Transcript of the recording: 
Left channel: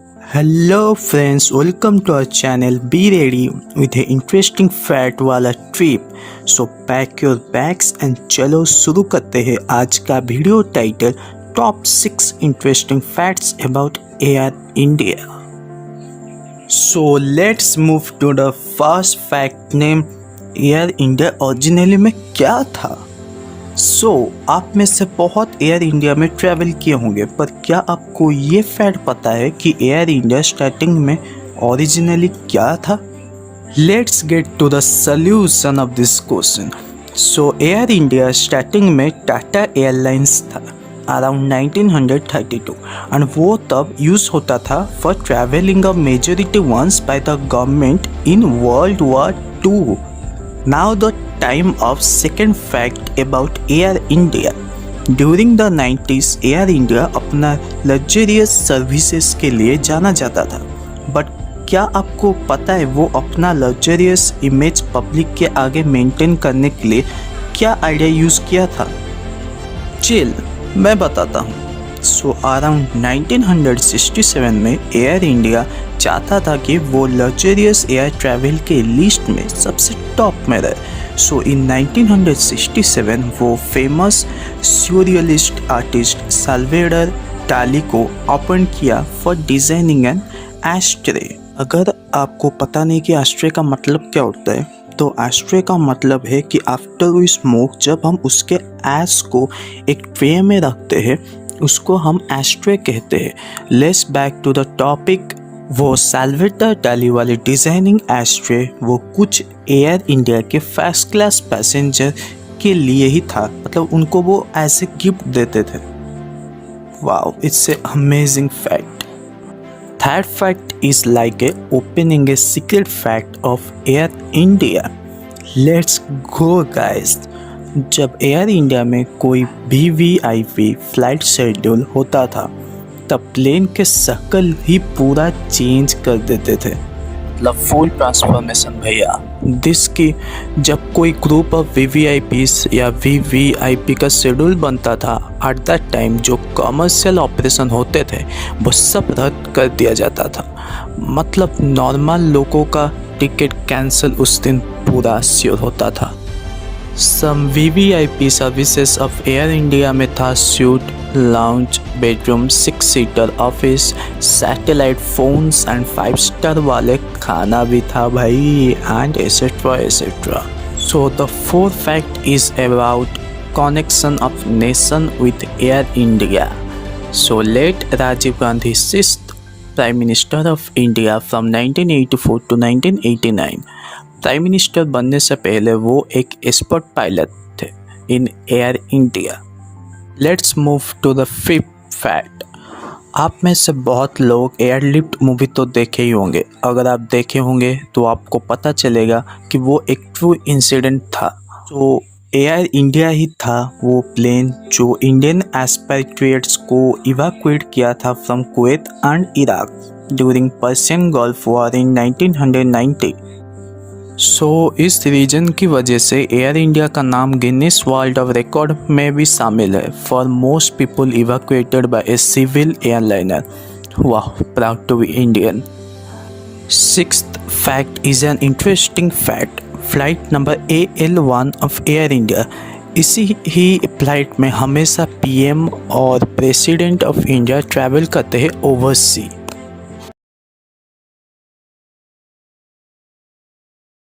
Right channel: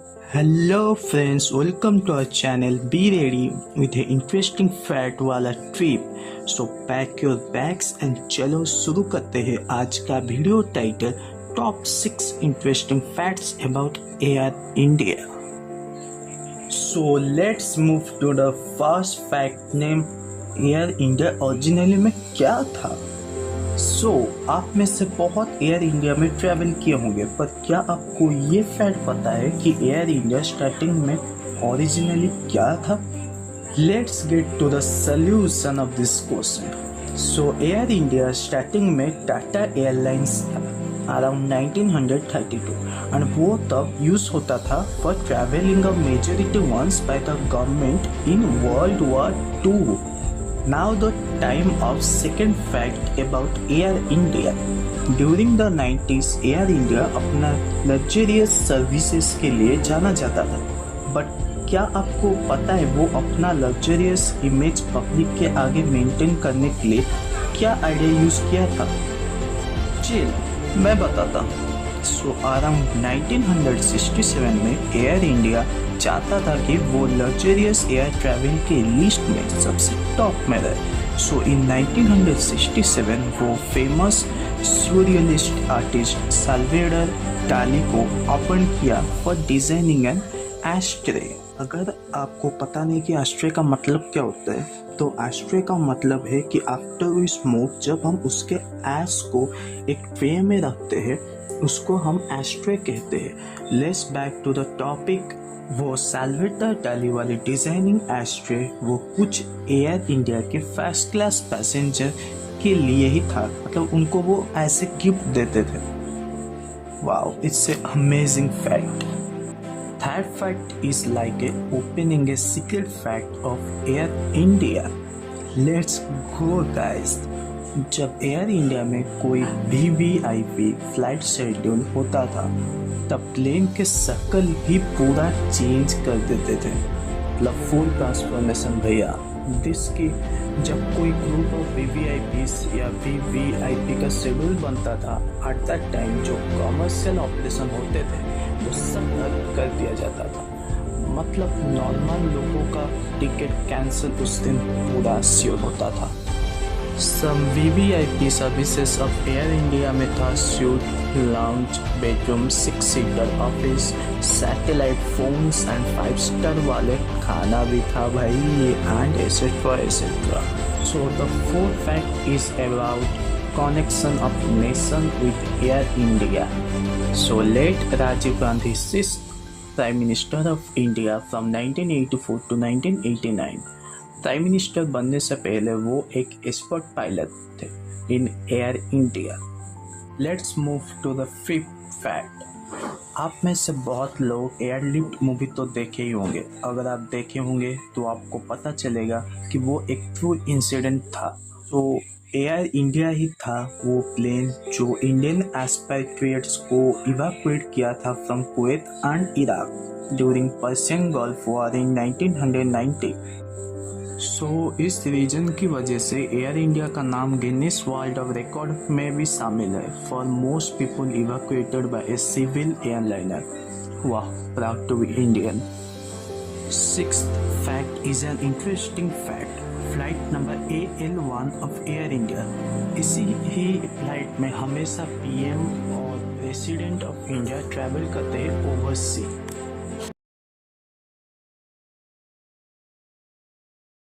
Hello friends, welcome to our channel. Be ready with an interesting fact वाला trip. So pack your bags and चलो शुरू करते हैं आज का video title top 6 interesting facts about Air India. So let's move to the first fact name. Air India originally में क्या था? आप में से बहुत एयर इंडिया में ट्रैवल किए होंगे, पर क्या आपको ये फैक्ट पता है कि एयर इंडिया स्टार्टिंग में ओरिजिनली क्या था? Let's get to the solution of this question. Air India starting में टाटा एयरलाइंस था अराउंड 1932 एंड वो तब यूज होता था for travelling a majority once by the government in World War 2. Now the time of second fact about Air India. During the 90s, Air India अपना luxurious services के लिए जाना जाता था. But क्या आपको पता है वो अपना luxurious image पब्लिक के आगे मेंटेन करने के लिए क्या आइडिया यूज़ किया था? चिल, मैं बताता हूँ. अराउंड 1967 में एयर इंडिया चाहता था कि वो लग्जरियस एयर ट्रैवल के लिस्ट में सबसे टॉप में रहे. इन 1967 वो फेमस स्यूरियलिस्ट आर्टिस्ट साल्वेडर डाली को ओपन किया फॉर डिजाइनिंग एन एस्ट्रे. अगर आपको पता नहीं कि एस्ट्रे का मतलब क्या होता है, तो एस्ट्रे का मतलब है कि आफ्टर वी स्मोक जब हम उसके ऐश को एक ट्रे में रखते हैं उसको हम एस्ट्रे कहते हैं. Let's back to the topic. वो साल्वेटर डाली वाली डिज़ाइनिंग एस्ट्रे वो कुछ एयर इंडिया के फर्स्ट क्लास पैसेंजर के लिए ही था, मतलब उनको वो ऐसे गिफ्ट देते थे. Wow, it's a amazing fact. Third fact is like a opening a secret fact of Air India. Let's go guys. जब एयर इंडिया में कोई VVIP फ्लाइट शेड्यूल होता था तब प्लेन के शक्ल ही पूरा चेंज कर देते थे, मतलब फुल ट्रांसफॉर्मेशन भैया. जिसकी जब कोई ग्रुप ऑफ VVIPs या VVIP का शेड्यूल बनता था एट दैट टाइम जो कमर्शियल ऑपरेशन होते थे वो सब रद्द कर दिया जाता था. मतलब नॉर्मल लोगों का टिकट कैंसिल उस दिन पूरा श्योर होता था. Some VVIP services of Air India में था suite, lounge, bedroom, 6 seater office, satellite phones and 5 star वाले खाना भी था भाई, and etcetera etcetera. The fourth fact is about connection of nation with Air India. Late Rajiv Gandhi 6th prime minister of India from 1984 to 1989. Prime minister बनने से पहले वो एक एक्सपर्ट पायलट थे in Air India. Let's move to the fifth fact. आप में से बहुत लोग एयरलिफ्ट मूवी तो देखे ही होंगे. अगर आप देखे होंगे तो आपको पता चलेगा कि वो एक ट्रू इंसिडेंट था. एयर इंडिया ही था वो प्लेन जो इंडियन एक्सपेट्रिएट्स को इवैक्यूएट किया था from Kuwait and Iraq during Persian gulf war in 1990. इस रीजन की वजह से एयर इंडिया का नाम गिनीज वर्ल्ड ऑफ रिकॉर्ड में भी शामिल है for most people evacuated by a civil airliner. वाह, proud to be Indian. Sixth fact is an interesting fact. Flight number AL1 of Air India, इसी ही फ्लाइट में हमेशा PM और प्रेसिडेंट ऑफ इंडिया ट्रैवल करते हैं ओवरसी.